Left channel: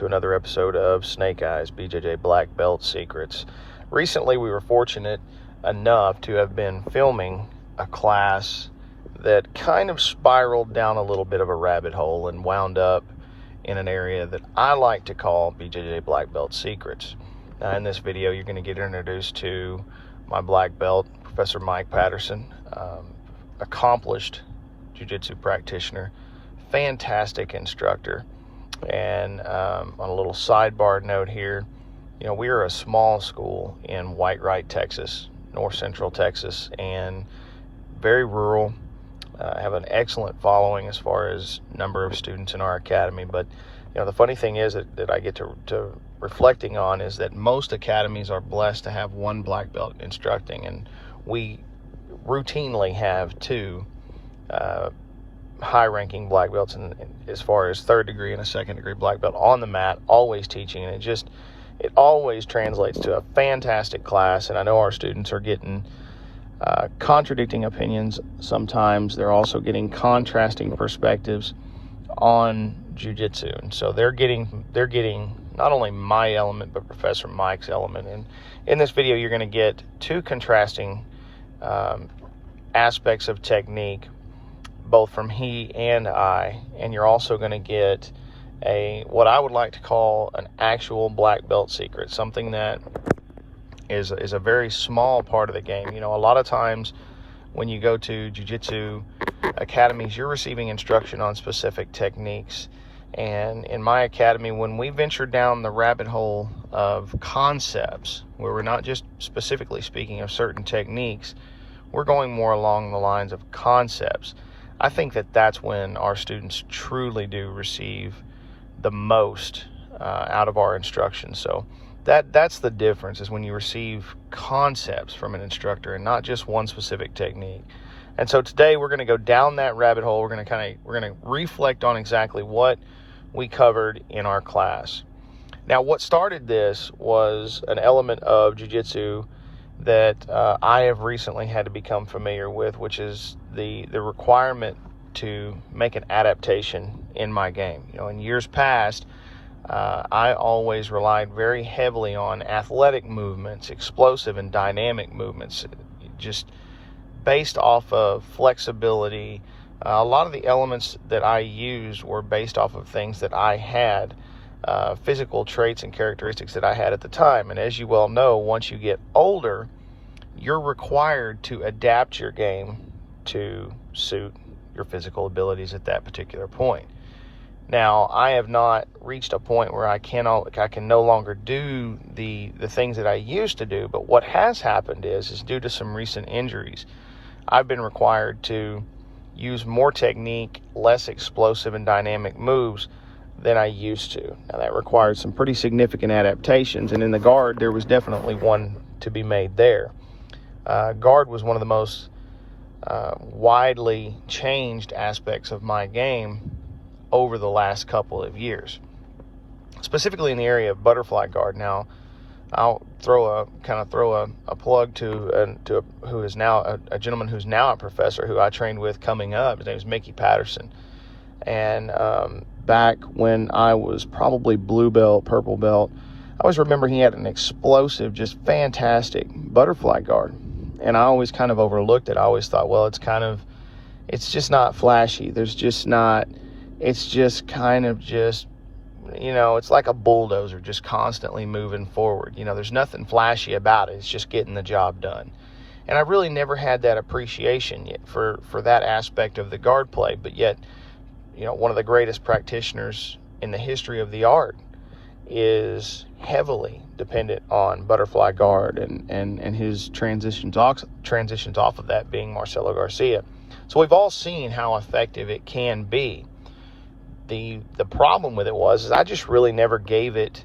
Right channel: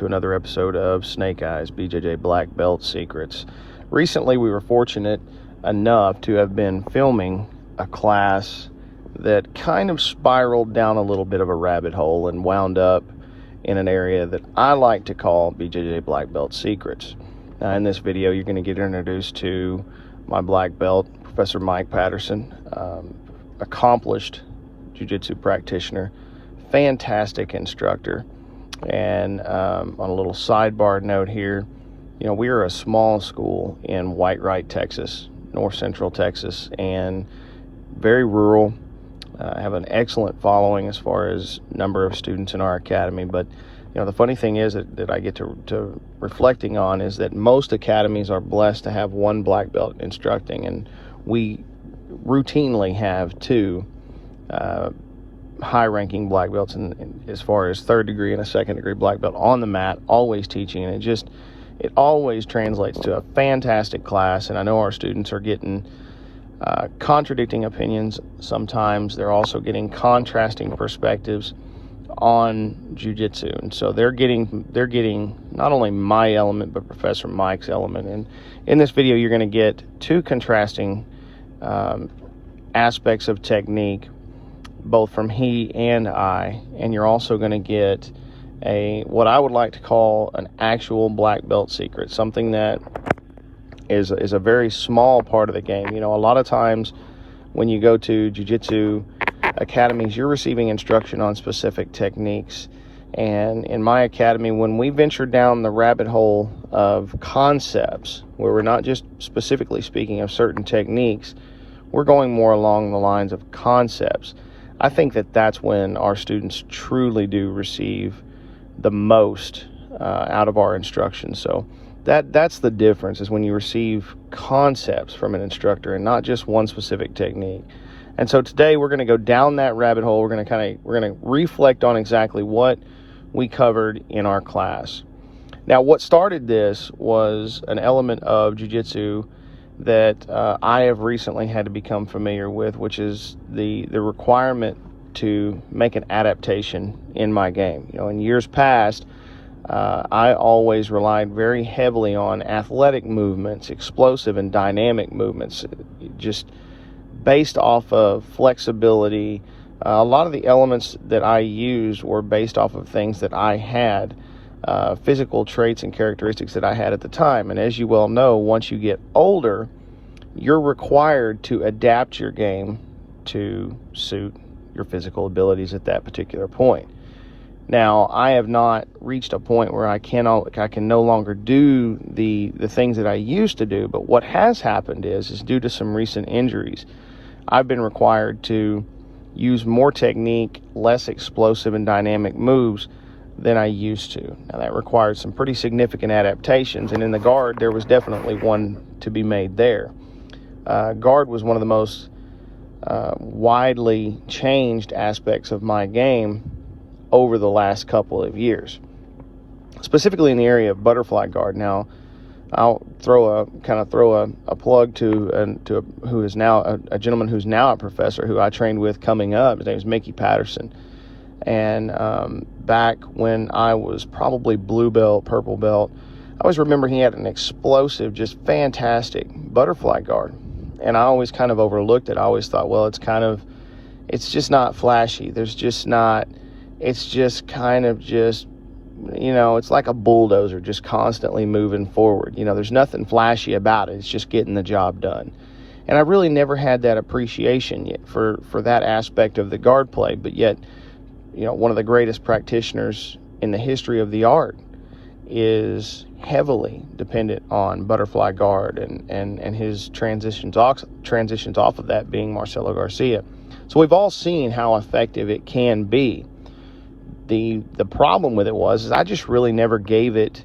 to another episode of Snake Eyes, BJJ Black Belt Secrets. Recently, we were fortunate enough to have been filming a class that kind of spiraled down a little bit of a rabbit hole and wound up in an area that I like to call BJJ Black Belt Secrets. In this video, you're going to get introduced to my black belt, Professor Mike Patterson, accomplished jiu-jitsu practitioner, fantastic instructor. And on a little sidebar note here, you know, we are a small school in Whitewright, Texas, north central Texas, and very rural. Have an excellent following as far as number of students in our academy. But you know, the funny thing is that I get to reflecting on is that most academies are blessed to have one black belt instructing, and we routinely have two high-ranking black belts as far as third degree and a second degree black belt on the mat, always teaching, and it always translates to a fantastic class. And I know our students are getting contradicting opinions sometimes. They're also getting contrasting perspectives on jiu-jitsu, and so they're getting not only my element but Professor Mike's element. And in this video, you're going to get two contrasting aspects of technique, both from he and I, and you're also going to get what I would like to call an actual black belt secret, something that is a very small part of the game. You know, a lot of times when you go to jiu-jitsu academies, you're receiving instruction on specific techniques, and in my academy, when we venture down the rabbit hole of concepts, where we're not just specifically speaking of certain techniques, we're going more along the lines of concepts. I think that that's when our students truly do receive the most out of our instruction. So that's the difference, is when you receive concepts from an instructor and not just one specific technique. And so today we're going to go down that rabbit hole. We're going to reflect on exactly what we covered in our class. Now, what started this was an element of jiu-jitsu that I have recently had to become familiar with, which is the requirement to make an adaptation in my game. You know, in years past, I always relied very heavily on athletic movements, explosive and dynamic movements, just based off of flexibility. A lot of the elements that I used were based off of things that I had, physical traits and characteristics that I had at the time. And as you well know, once you get older, you're required to adapt your game to suit your physical abilities at that particular point. Now, I have not reached a point where I can no longer do the things that I used to do, but what has happened is due to some recent injuries, I've been required to use more technique, less explosive and dynamic moves than I used to. Now, that required some pretty significant adaptations, and in the guard, there was definitely one to be made there. Guard was one of the most widely changed aspects of my game over the last couple of years, specifically in the area of butterfly guard. Now, I'll throw a plug to who is now a gentleman who's now a professor who I trained with coming up. His name is Mickey Patterson. And back when I was probably blue belt, purple belt, I always remember he had an explosive, just fantastic butterfly guard. And I always kind of overlooked it. I always thought, well, it's just not flashy. It's just kind of you know, it's like a bulldozer just constantly moving forward. You know, there's nothing flashy about it. It's just getting the job done. And I really never had that appreciation yet for that aspect of the guard play. But yet, you know, one of the greatest practitioners in the history of the art is heavily dependent on butterfly guard and his transitions off of that being Marcelo Garcia. So we've all seen how effective it can be. The problem with it was I just really never gave it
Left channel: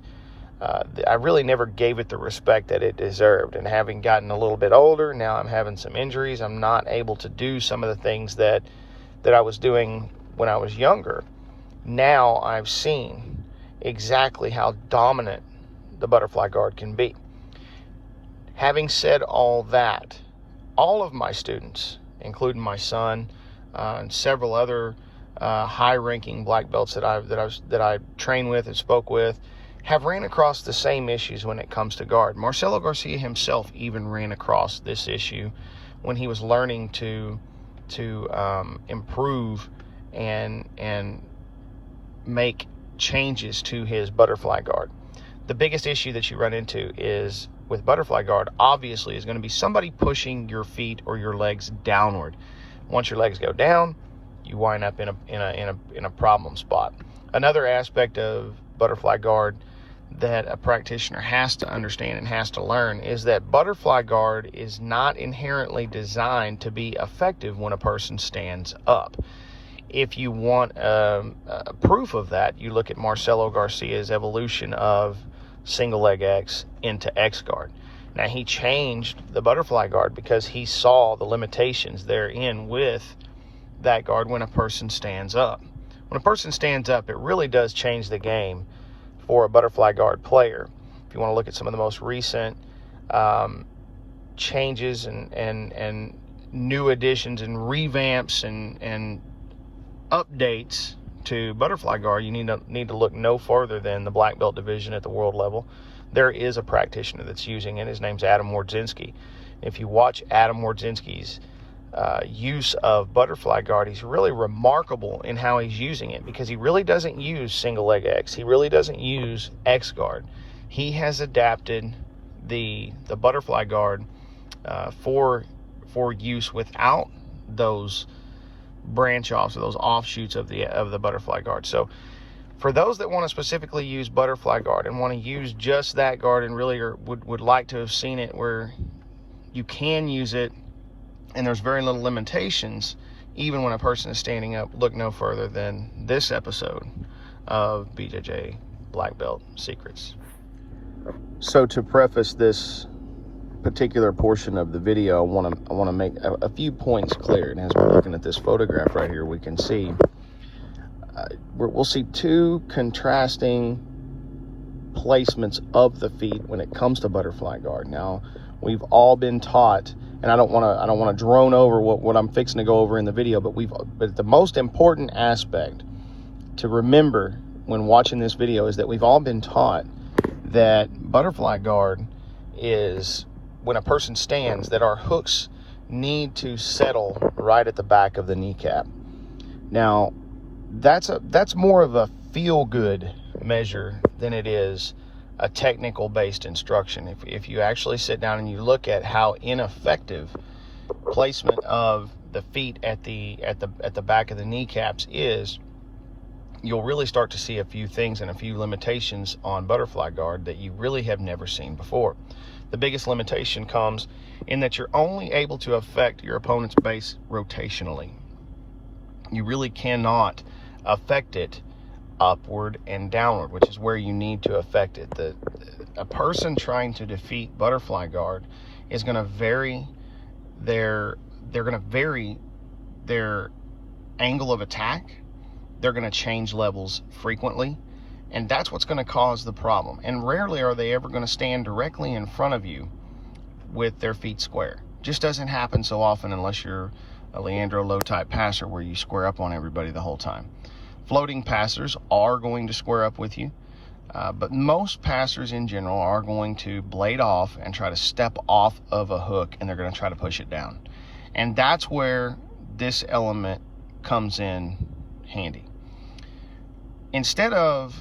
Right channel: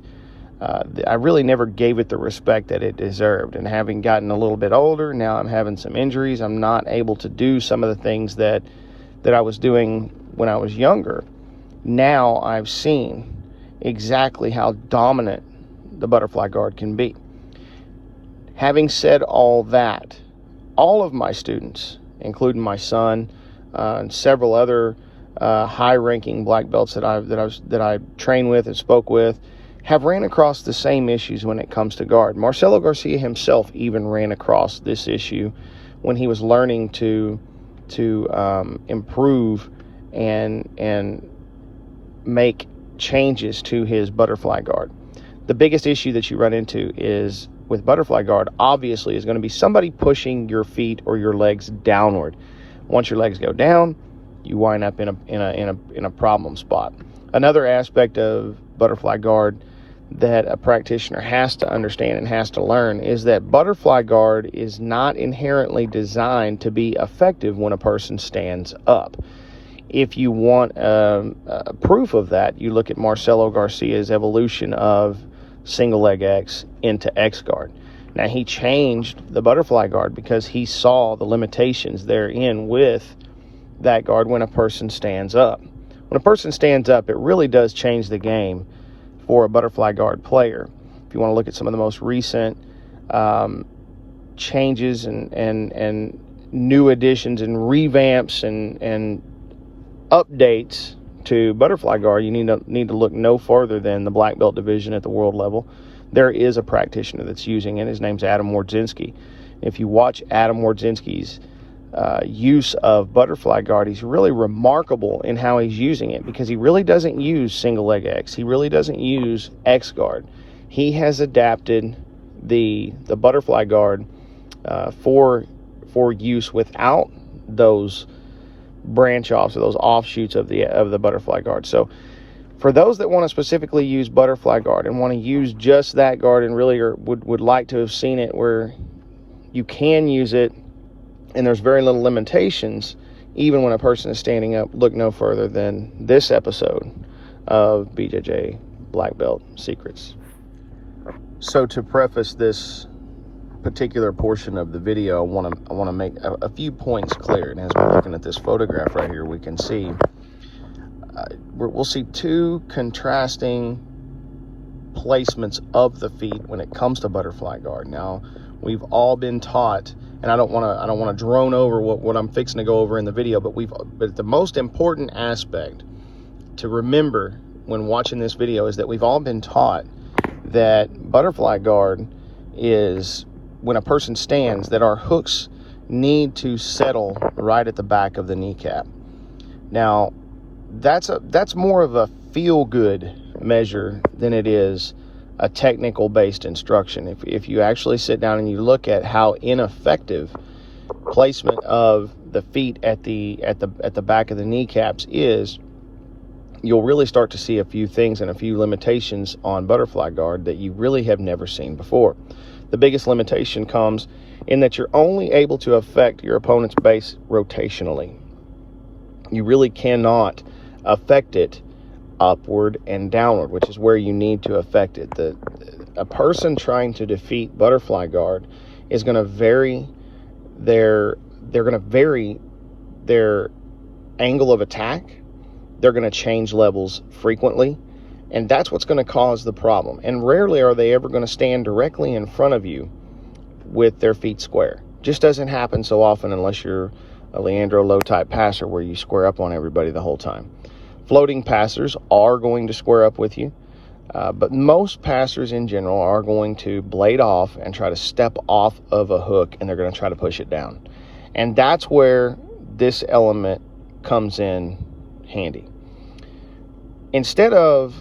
the respect that it deserved. And having gotten a little bit older, now I'm having some injuries. I'm not able to do some of the things that I was doing when I was younger. Now I've seen exactly how dominant the butterfly guard can be. Having said all that, all of my students, including my son and several other high-ranking black belts that I train with and spoke with have ran across the same issues when it comes to guard. Marcelo Garcia himself even ran across this issue when he was learning to improve and make changes to his butterfly guard. The biggest issue that you run into is with butterfly guard, obviously, is going to be somebody pushing your feet or your legs downward. Once your legs go down, you wind up in a problem spot. Another aspect of butterfly guard that a practitioner has to understand and has to learn is that butterfly guard is not inherently designed to be effective when a person stands up. If you want proof of that, you look at Marcelo Garcia's evolution of single leg X into X guard. Now, he changed the butterfly guard because he saw the limitations therein with that guard when a person stands up. When a person stands up, it really does change the game for a butterfly guard player. If you want to look at some of the most recent changes and new additions and revamps and updates to butterfly guard, you need to look no further than the black belt division at the world level. There is a practitioner that's using it. His name's Adam Wardzinski. If you watch Adam Wardzinski's use of butterfly guard, he's really remarkable in how he's using it, because he really doesn't use single leg X. He really doesn't use X guard. He has adapted the butterfly guard for use without those branch offs or those offshoots of the butterfly guard. So for those that want to specifically use butterfly guard and want to use just that guard and really would like to have seen it where you can use it and there's very little limitations even when a person is standing up, look no further than this episode of BJJ Black Belt Secrets. So to preface this particular portion of the video, I want to make a few points clear. And as we're looking at this photograph right here, we can see we'll see two contrasting placements of the feet when it comes to butterfly guard. Now, we've all been taught, and I don't want to drone over what I'm fixing to go over in the video, but the most important aspect to remember when watching this video is that we've all been taught that butterfly guard is when a person stands, that our hooks need to settle right at the back of the kneecap. Now, that's more of a feel-good measure than it is a technical-based instruction. If you actually sit down and you look at how ineffective placement of the feet at the back of the kneecaps is, you'll really start to see a few things and a few limitations on butterfly guard that you really have never seen before. The biggest limitation comes in that you're only able to affect your opponent's base rotationally. You really cannot affect it upward and downward, which is where you need to affect it. A person trying to defeat butterfly guard is going to vary their angle of attack. They're going to change levels frequently, and that's what's going to cause the problem. And rarely are they ever going to stand directly in front of you with their feet square. Just doesn't happen so often unless you're a Leandro Low type passer where you square up on everybody the whole time. Floating passers are going to square up with you, but most passers in general are going to blade off and try to step off of a hook, and they're going to try to push it down. And that's where this element comes in handy. Instead of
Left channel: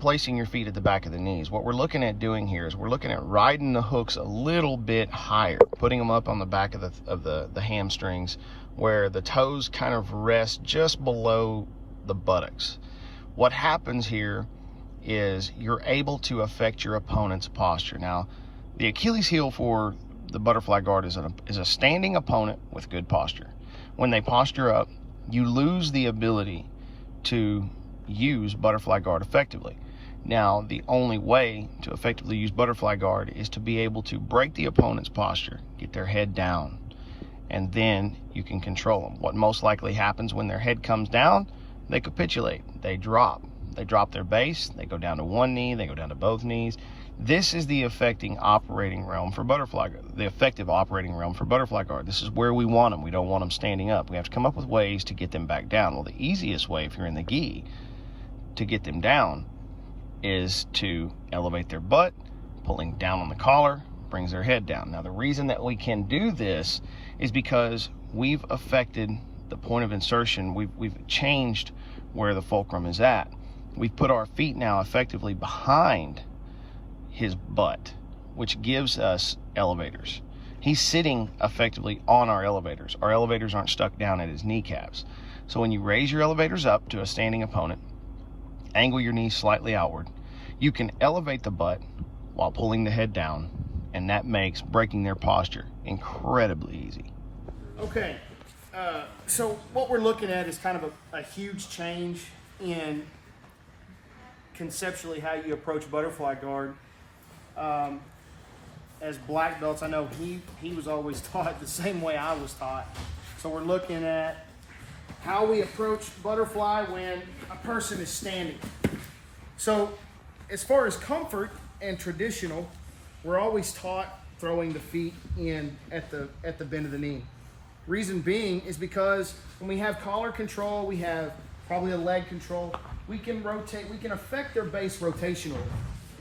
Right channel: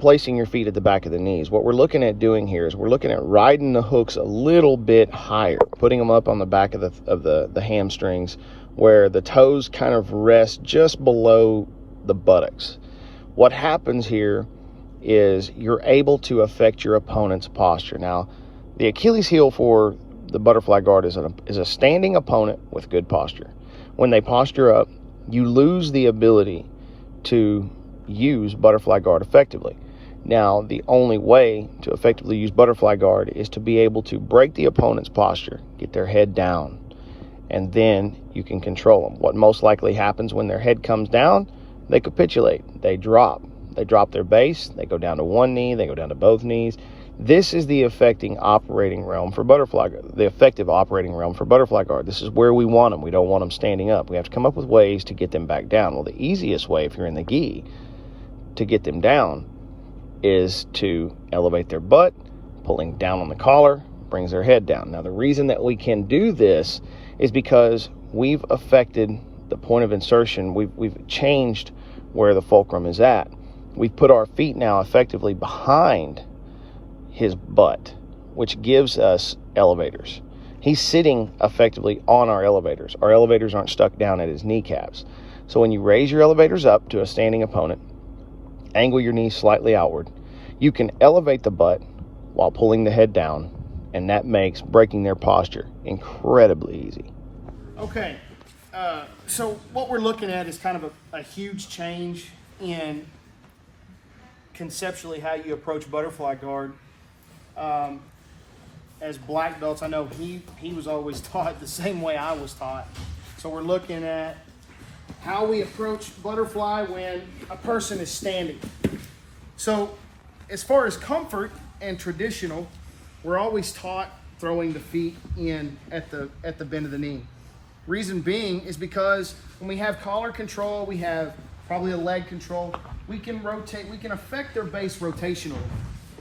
placing your feet at the back of the knees, what we're looking at doing here is we're looking at riding the hooks a little bit higher, putting them up on the back of the hamstrings where the toes kind of rest just below the buttocks. What happens here is you're able to affect your opponent's posture. Now, the Achilles heel for the butterfly guard is a standing opponent with good posture. When they posture up, you lose the ability to use butterfly guard effectively. Now, the only way to effectively use butterfly guard is to be able to break the opponent's posture, get their head down, and then you can control them. What most likely happens when their head comes down, they capitulate, they drop their base, they go down to one knee, they go down to both knees. This is the effective operating realm for butterfly guard. This is where we want them. We don't want them standing up. We have to come up with ways to get them back down. Well, the easiest way, if you're in the gi, to get them down is to elevate their butt, pulling down on the collar, brings their head down. Now, the reason that we can do this is because we've affected the point of insertion. We've changed where the fulcrum is at. We've put our feet now effectively behind his butt, which gives us elevators. He's sitting effectively on our elevators. Our elevators aren't stuck down at his kneecaps. So when you raise your elevators up to a standing opponent, angle your knees slightly outward, you can elevate the butt while pulling the head down, and that makes breaking their posture incredibly easy. Okay, so what we're looking at is kind of a huge change in conceptually how you approach butterfly guard. As black belts, I know he was always taught the same way I was taught. So we're looking at how we approach butterfly when a person is standing. So as far as comfort and traditional, we're always taught throwing the feet in at the bend of the knee. Reason being is because when we have collar control, we have probably a leg control, we can rotate, we can affect their base rotationally.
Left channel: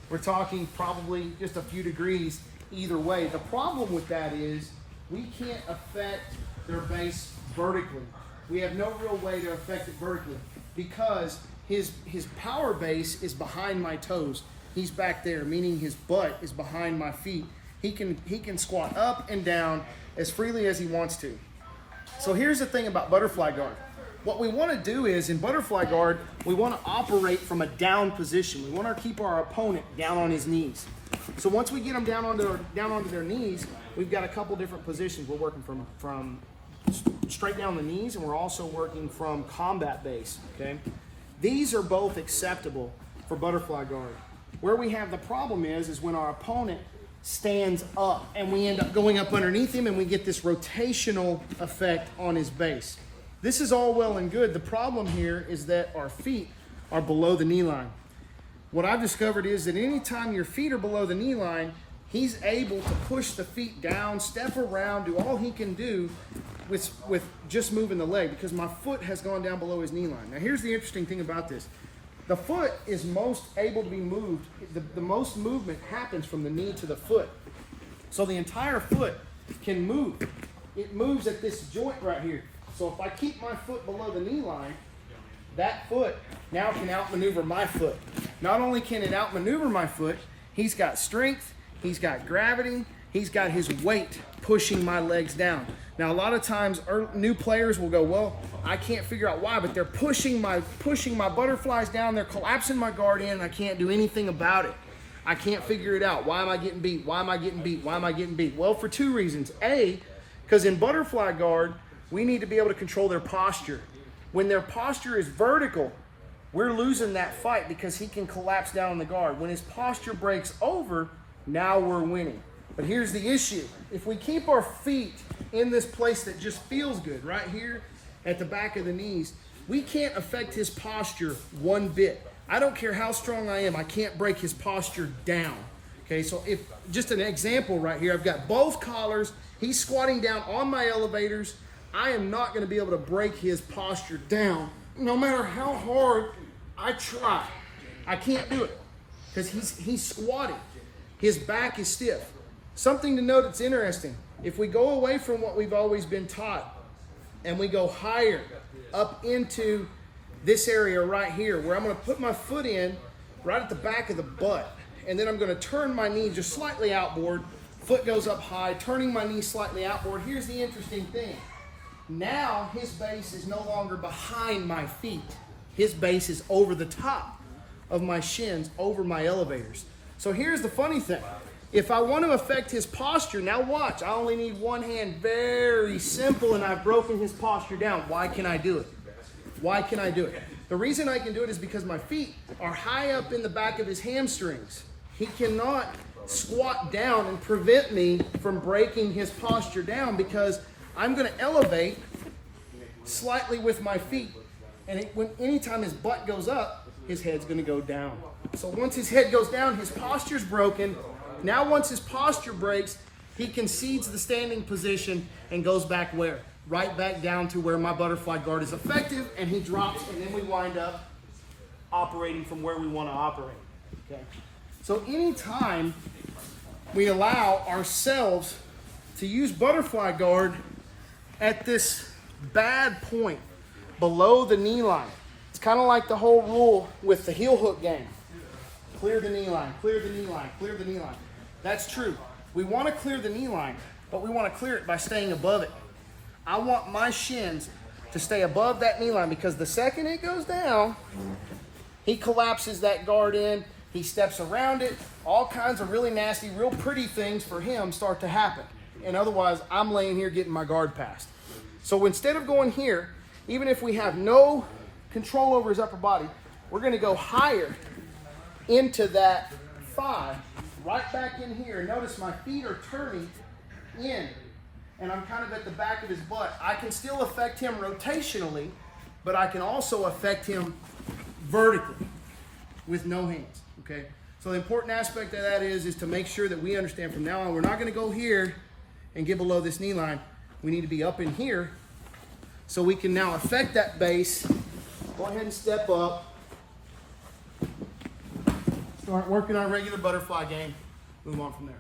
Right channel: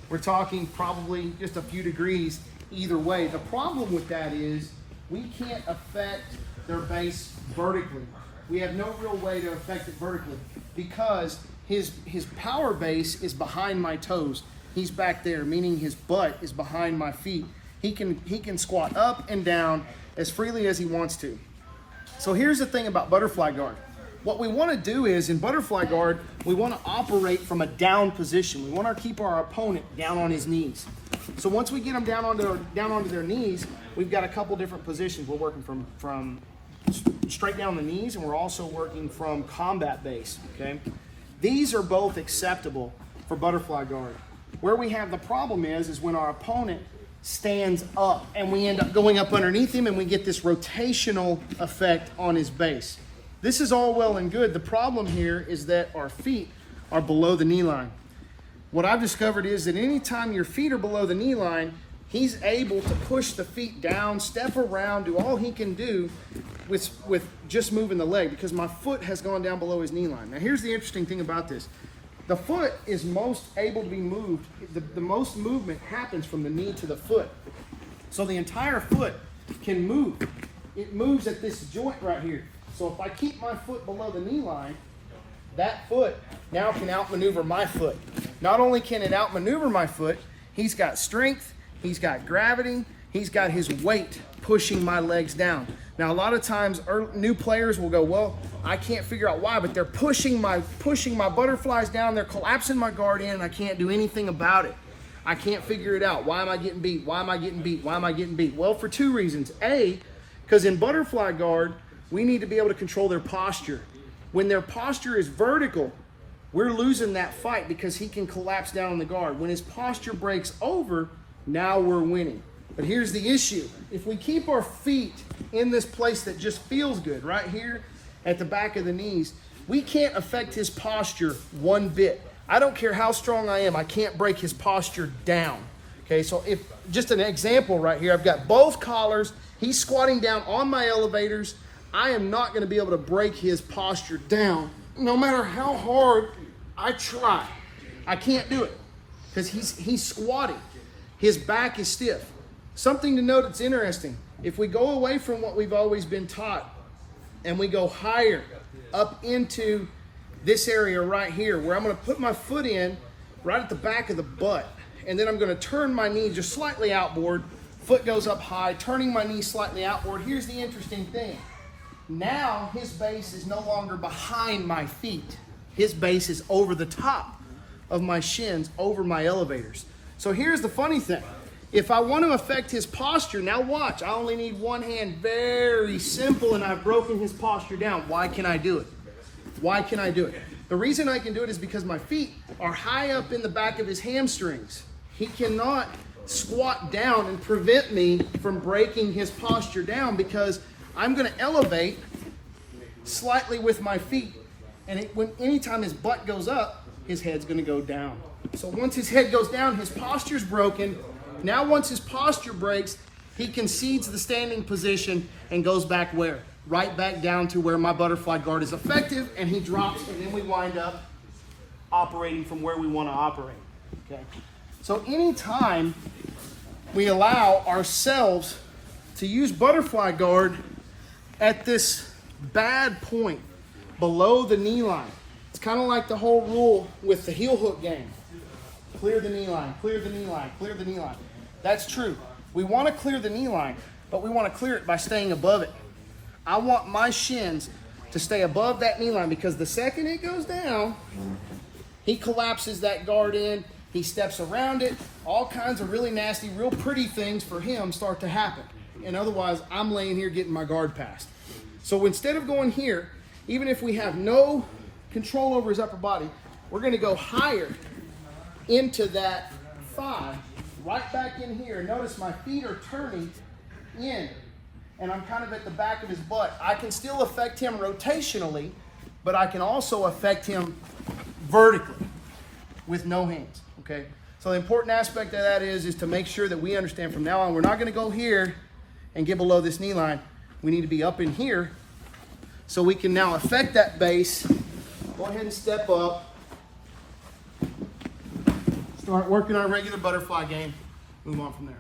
We're talking probably just a few degrees either way. The problem with that is we can't affect their base vertically. We have no real way to affect it vertically because his power base is behind my toes. He's back there, meaning his butt is behind my feet. He can squat up and down as freely as he wants to. So here's the thing about butterfly guard. What we want to do is in butterfly guard, we want to operate from a down position. We want to keep our opponent down on his knees. So once we get them down onto their knees, we've got a couple different positions. We're working from straight down the knees, and we're also working from combat base, okay? These are both acceptable for butterfly guard. Where we have the problem is when our opponent stands up and we end up going up underneath him and we get this rotational effect on his base. This is all well and good. The problem here is that our feet are below the knee line. What I've discovered is that anytime your feet are below the knee line, he's able to push the feet down, step around, do all he can do with just moving the leg because my foot has gone down below his knee line. Now here's the interesting thing about this. The foot is most able to be moved. The most movement happens from the knee to the foot. So the entire foot can move. It moves at this joint right here. So if I keep my foot below the knee line, that foot now can outmaneuver my foot. Not only can it outmaneuver my foot, he's got strength, he's got gravity, he's got his weight pushing my legs down. Now a lot of times new players will go, well, I can't figure out why, but they're pushing my butterflies down, they're collapsing my guard in, and I can't do anything about it. I can't figure it out. Why am I getting beat? Why am I getting beat? Why am I getting beat? Well, for two reasons. A, because in butterfly guard, we need to be able to control their posture. When their posture is vertical, we're losing that fight because he can collapse down on the guard. When his posture breaks over, now we're winning. But here's the issue. If we keep our feet in this place that just feels good, right here at the back of the knees, we can't affect his posture one bit. I don't care how strong I am, I can't break his posture down. Okay, so if just an example right here, I've got both collars, he's squatting down on my elevators, I am not going to be able to break his posture down no matter how hard I try. I can't do it because he's squatting. His back is stiff. Something to note that's interesting. If we go away from what we've always been taught and we go higher up into this area right here where I'm going to put my foot in right at the back of the butt, and then I'm going to turn my knee just slightly outboard, foot goes up high, turning my knee slightly outboard. Here's the interesting thing. Now his base is no longer behind my feet. His base is over the top of my shins, over my elevators. So here's the funny thing. If I want to affect his posture, now watch, I only need one hand, very simple, and I've broken his posture down. Why can I do it? Why can I do it? The reason I can do it is because my feet are high up in the back of his hamstrings. He cannot squat down and prevent me from breaking his posture down because I'm going to elevate slightly with my feet, and anytime his butt goes up, his head's gonna go down. So once his head goes down, his posture's broken. Now once his posture breaks, he concedes the standing position and goes back where? Right back down to where my butterfly guard is effective, and he drops, and then we wind up operating from where we wanna operate, okay? So anytime we allow ourselves to use butterfly guard at this bad point below the knee line, it's kind of like the whole rule with the heel hook game. Clear the knee line, clear the knee line, clear the knee line. That's true. We want to clear the knee line, but we want to clear it by staying above it. I want my shins to stay above that knee line, because the second it goes down, he collapses that guard in, he steps around it, all kinds of really nasty, real pretty things for him start to happen. And otherwise, I'm laying here getting my guard passed. So instead of going here, even if we have no control over his upper body, we're going to go higher into that 5, right back in here. Notice my feet are turning in, and I'm kind of at the back of his butt. I can still affect him rotationally, but I can also affect him vertically with no hands, okay? So the important aspect of that is to make sure that we understand from now on, we're not going to go here and get below this knee line. We need to be up in here so we can now affect that base. Go ahead and step up. Start working our regular butterfly game. Move on from there.